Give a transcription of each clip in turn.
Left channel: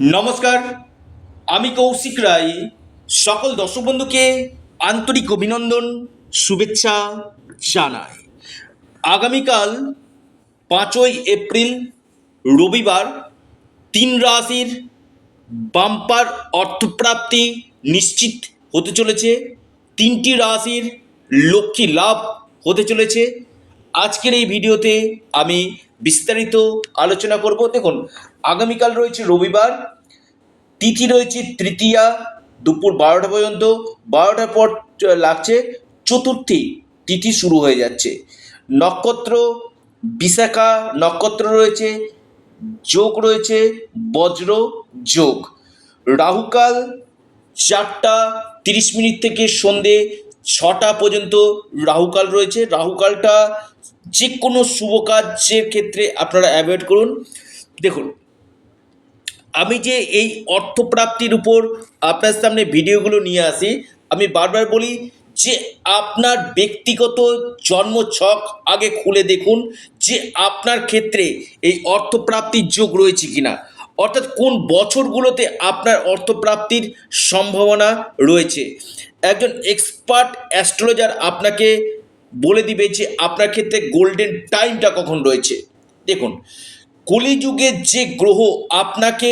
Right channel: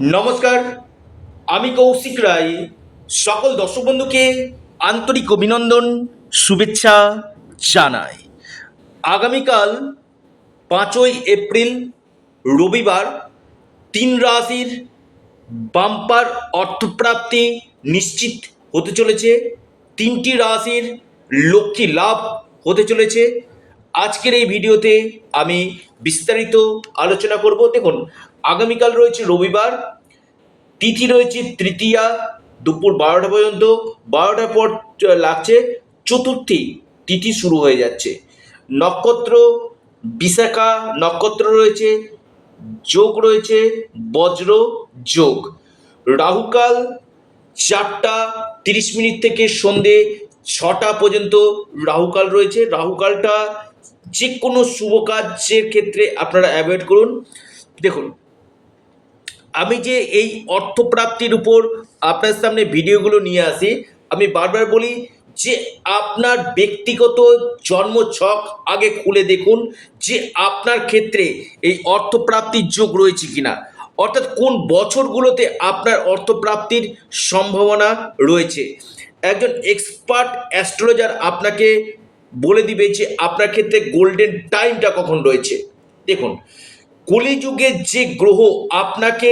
নমস্কার, আমি কৌশিক রায়। সকল দর্শক বন্ধুকে আন্তরিক অভিনন্দন, শুভেচ্ছা জানাই। আগামীকাল 5ই এপ্রিল রবিবার 3 রাশির বাম্পার অর্থপ্রাপ্তি নিশ্চিত হতে চলেছে। 3টি রাশির লক্ষ্মী লাভ হতে চলেছে। আজকের এই ভিডিওতে আমি বিস্তারিত আলোচনা করব। দেখুন, আগামীকাল রয়েছে রবিবার, তিথি রয়েছে তৃতীয়া, দুপুর 12টা পর্যন্ত। 12টার পর লাগছে চতুর্থী, তিথি শুরু হয়ে যাচ্ছে। নক্ষত্র বিশাখা নক্ষত্র রয়েছে, যোগ রয়েছে বজ্র যোগ। রাহুকাল 4টা 30 মিনিট থেকে সন্ধে 6টা পর্যন্ত রাহুকাল রয়েছে। রাহুকালটা যে কোনো শুভ কাজের ক্ষেত্রে আপনারা অ্যাভয়েড করুন। দেখুন, আমি যে এই অর্থপ্রাপ্তির উপর আপনার সামনে ভিডিওগুলো নিয়ে আসি, আমি বারবার বলি যে আপনার ব্যক্তিগত জন্মছক আগে খুলে দেখুন যে আপনার ক্ষেত্রে এই অর্থপ্রাপ্তির যোগ রয়েছে কিনা, অর্থাৎ কোন বছরগুলোতে আপনার অর্থপ্রাপ্তির সম্ভাবনা রয়েছে। একজন এক্সপার্ট অ্যাস্ট্রোলজার আপনাকে বলে দিবে যে আপনার ক্ষেত্রে গোল্ডেন টাইমটা কখন রয়েছে। দেখুন, কলিযুগের যে গ্রহ আপনাকে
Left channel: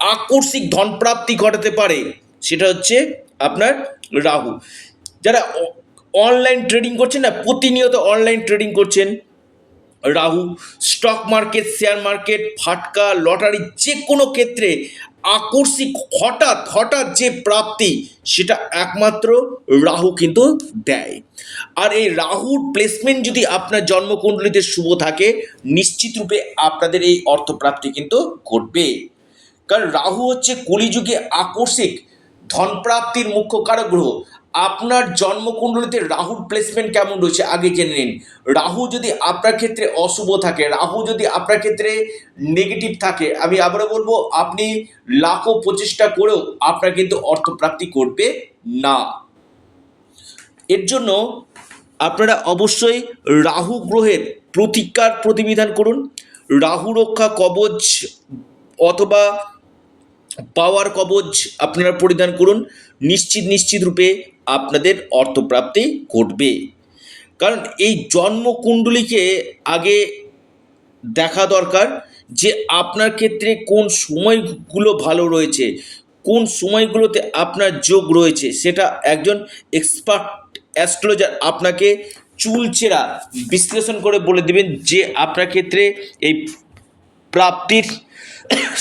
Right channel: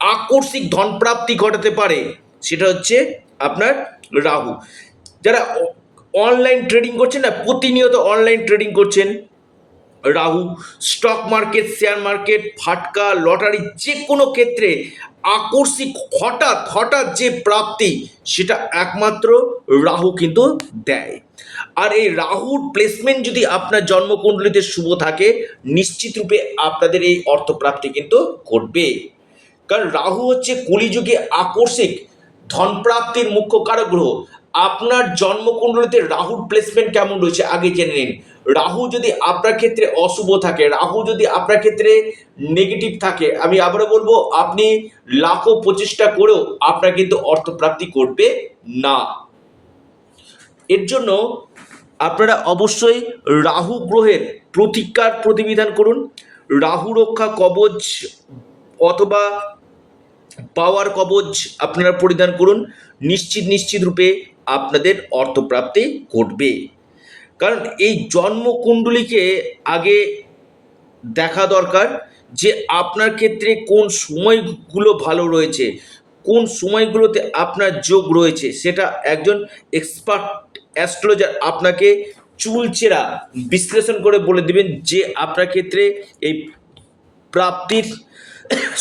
আকস্মিক ধনপ্রাপ্তি ঘটাতে পারে সেটা হচ্ছে আপনার রাহু। যারা অনলাইন ট্রেডিং করছেন না, প্রতিনিয়ত অনলাইন ট্রেডিং করছেন, রাহু স্টক মার্কেট, শেয়ার মার্কেট, ফাটকা, লটারি, যে কোনো ক্ষেত্রে আকস্মিক হঠাৎ হঠাৎ যে প্রাপ্তি সেটা একমাত্র রাহু কিন্তু দেয়। আর এই রাহুর প্লেসমেন্ট যদি আপনার জন্মকুণ্ডলিতে শুভ থাকে, নিশ্চিত রূপে আপনাদের এই অর্থপ্রাপ্তি কিন্তু ঘটবে। কারণ রাহু হচ্ছে কলিযুগে আকস্মিক ধনপ্রাপ্তির মুখ্য কারক গ্রহ। আপনার জন্মকুণ্ডলিতে রাহুর প্লেসমেন্ট কেমন রয়েছে আগে জেনে নিন। রাহু যদি আপনার ক্ষেত্রে অশুভ থাকে, রাহু যদি আপনার ক্ষেত্রে নেগেটিভ থাকে, আমি আবারও বলবো, আপনি লাখো প্রচেষ্টা করেও আপনার কিন্তু অর্থপ্রাপ্তি করবে না। এর জন্য আপনারা অবশ্যই রাহু গ্রহের প্রতিকার প্রতিবিধান করুন। রাহু রক্ষা কবচ অথবা পাওয়ার কবচ আপনারা পরিধান করুন। নিশ্চিত রূপে আপনাদের অর্থপ্রাপ্তি ঘটবে। কারণ এই জন্মকুণ্ডলীকে আগে দেখা দরকার যে আপনার ক্ষেত্রে কোন সময়গুলো ভালো রয়েছে, কোন সময়গুলোতে আপনার যোগ রয়েছে, সেটা একজন এক্সপার্ট অ্যাস্ট্রোলজার আপনাকে চুলচেরা বিশ্লেষণ করে বলে দেবেন যে আপনার ক্ষেত্রে এই প্রাপ্তির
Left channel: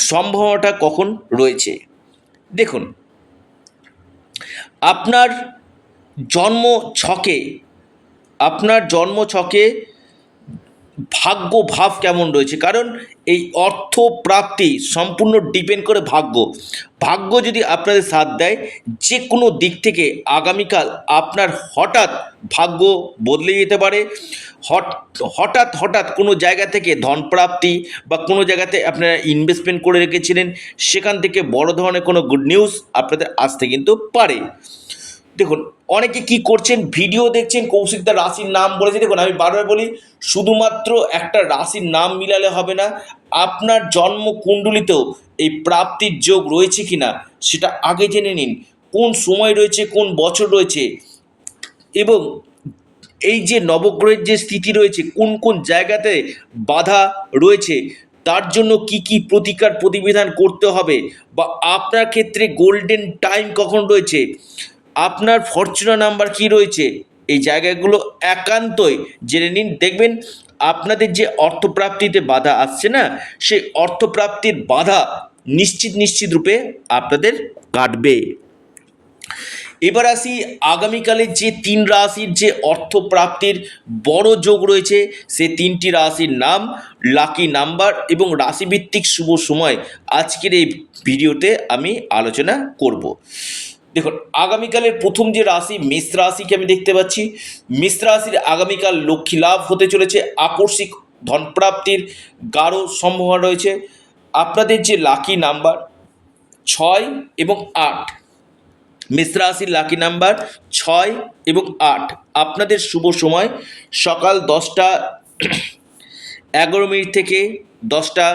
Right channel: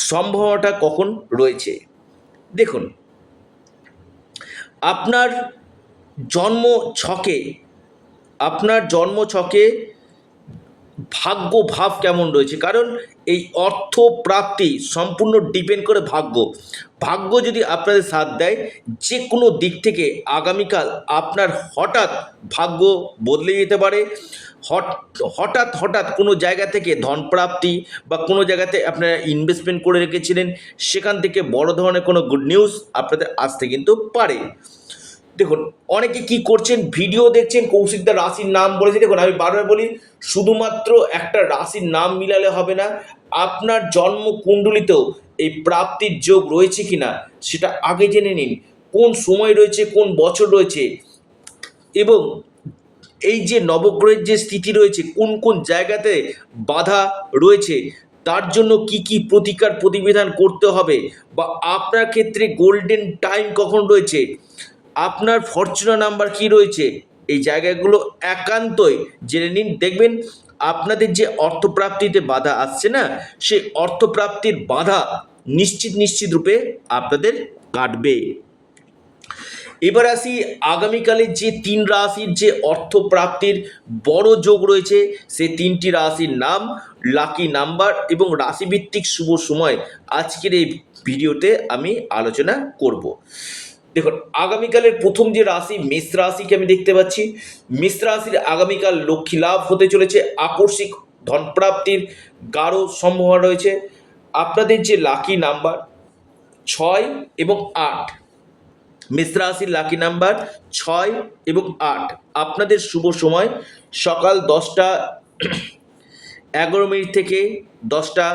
সম্ভাবনাটা কখন রয়েছে। দেখুন, আপনার জন্ম ছকে আপনার জন্ম ছকে ভাগ্য ভাব কেমন রয়েছে, কারণ এই অর্থ প্রাপ্তি সম্পূর্ণ ডিপেন্ড করে ভাগ্য। ভাগ্য যদি আপনাদের সাথ দেয়, যে কোনো দিক থেকে আগামীকাল আপনার হঠাৎ ভাগ্য বদলে যেতে পারে। হঠাৎ হঠাৎ কোনো জায়গা থেকে ধনপ্রাপ্তি বা কোনো জায়গাতে আপনারা ইনভেস্টমেন্ট করে রেখেছিলেন, সেখান থেকে বড় ধরনের কোনো গুড নিউজ আপনাদের আসতে কিন্তু পারে। দেখুন, অনেকে কি করছেন, ভিডিও দেখছেন, কৌশিকদার রাশির নাম বলেছে। দেখুন, আমি বারবার বলি, শুধুমাত্র একটা রাশির নাম মিলালে হবে না, আপনার জন্ম কুণ্ডলিতেও এই প্রাপ্তির যোগ রয়েছে কিনা সেটা আগে জেনে নিন। কোন সময় রয়েছে, কোন বছর রয়েছে, এবং এই যে নবগ্রহের যে স্থিতি রয়েছে, কোন কোন জায়গাতে বাধা রয়েছে, তার জন্য কি কি প্রতিকার প্রতিবিধান করতে হবে, বা আপনার ক্ষেত্রে গোল্ডেন টাইম কখন রয়েছে, আপনার ফরচুনার নাম্বার কি রয়েছে, এই জায়গাগুলো একান্তই জেনে নিন। দেখবেন আপনাদের যে অর্থপ্রাপ্তিতে বাধা আসছে না, সেই অর্থপ্রাপ্তির বাধা নিশ্চিত রূপে আপনাদের কাটবে। এবার আসি আগামীকালের যে 3 রাশির যে অর্থপ্রাপ্তির বড় যোগ রয়েছে, সে 3টি রাশির নাম, লাকি নাম্বার এবং রাশিভিত্তিক শুভ সময় আজকের এই ভিডিওতে আমি আলোচনা করব। দেখুন, আগামীকালের প্রথম যে রাশি মেষ রাশিকে আমি দেখতে পাচ্ছি। মেষ রাশির আগামীকাল লক্ষ্মী লাভ হতে চলেছে, আকস্মিক ধনপ্রাপ্তির গাঢ় সম্ভাবনা রয়েছে। আপনাদের যে লাকি নাম্বার 6 এবং 8, মেষ রাশির লাকি নাম্বার 6 এবং 8। আপনাদের শুভ সময় সকাল 10টা 11 মিনিট থেকে 10টা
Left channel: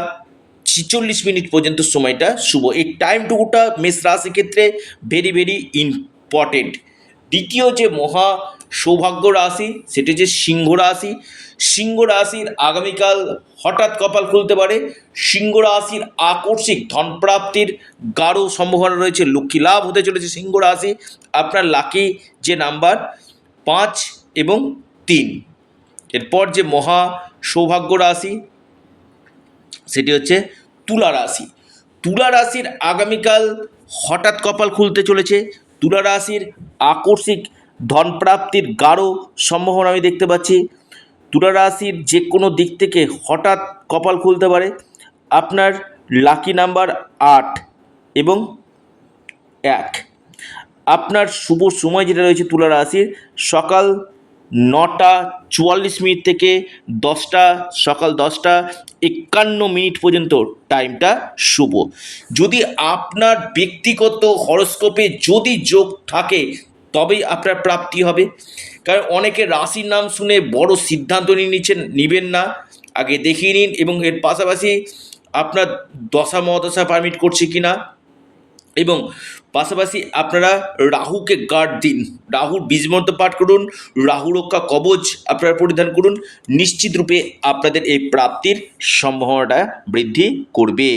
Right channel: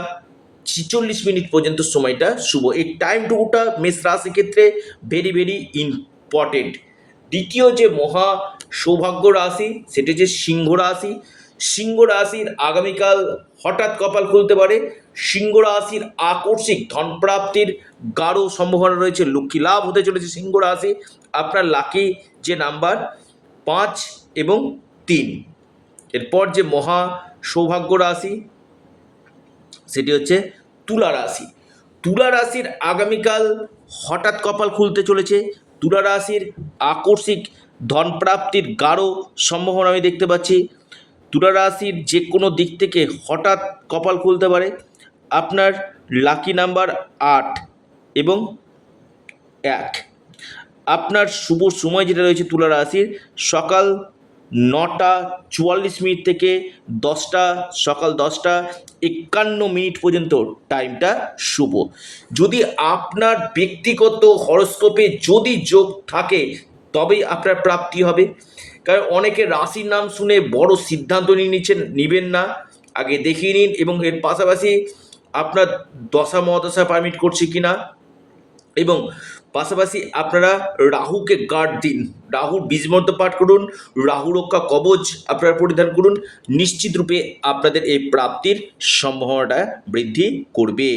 46 পর্যন্ত সময়টা শুভ। এই টাইমটুকুটা মেষ রাশির ক্ষেত্রে ভেরি ভেরি ইম্পর্টেন্ট। দ্বিতীয় যে মহা সৌভাগ্য রাশি সেটি হচ্ছে সিংহ রাশি। সিংহ রাশির আগামীকাল হঠাৎ কপাল খুলতে পারে। সিংহ রাশির আকস্মিক ধনপ্রাপ্তির গাঢ় সম্ভাবনা রয়েছে। লক্ষ্মী লাভ হতে চলেছে সিংহ রাশি। আপনার লাকি যে নাম্বার 5 এবং 3। এরপর যে মহা সৌভাগ্য রাশি সেটি হচ্ছে তুলা রাশি। তুলা রাশির আগামীকাল হঠাৎ কপাল খুলতে চলেছে। তুলা রাশির আকস্মিক ধনপ্রাপ্তির গাঢ় সম্ভাবনা আমি দেখতে পাচ্ছি। তুলা রাশির যে কোনো দিক থেকে হঠাৎ কপাল খুলতে পারে। আপনার লাকি নাম্বার 8 এবং 1। আপনার শুভ সময় যেটা রয়েছে তুলা রাশির সকাল 9টা 44 থেকে সকাল 10টা 51 পর্যন্ত টাইমটা শুভ। যদি আপনার ব্যক্তিগত হরস্কোপে যদি যোগ থাকে তবেই আপনার প্রাপ্তি হবে। কারণ অনেকে রাশির নাম শুনে বড় সিদ্ধান্ত নেবেন না, আগে দেখিয়ে নিন এবং এর পাশাপাশি আপনার দশা মহাদশা পারমিট করছে কিনা, এবং পাশাপাশি আপনারা রাহুকে গার্ড দিন, রাহুর বীজমন্ত্র পাঠ করুন, রাহু রক্ষা কবচ আপনারা পরিধান করুন। নিশ্চিত রূপে আপনাদের এই প্রাপ্তির সম্ভাবনাটা বৃদ্ধি করবে।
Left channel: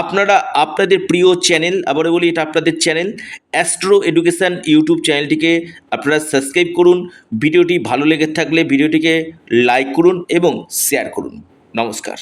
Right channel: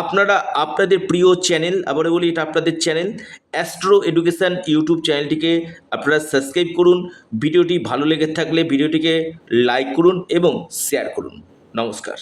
আপনারা আপনাদের প্রিয় চ্যানেল, আবারও বলি এটা আপনাদের চ্যানেল অ্যাস্ট্রো এডুকেশান ইউটিউব চ্যানেলটিকে আপনারা সাবস্ক্রাইব করুন। ভিডিওটি ভালো লেগে থাকলে ভিডিওটিকে লাইক করুন এবং শেয়ার করুন। নমস্কার।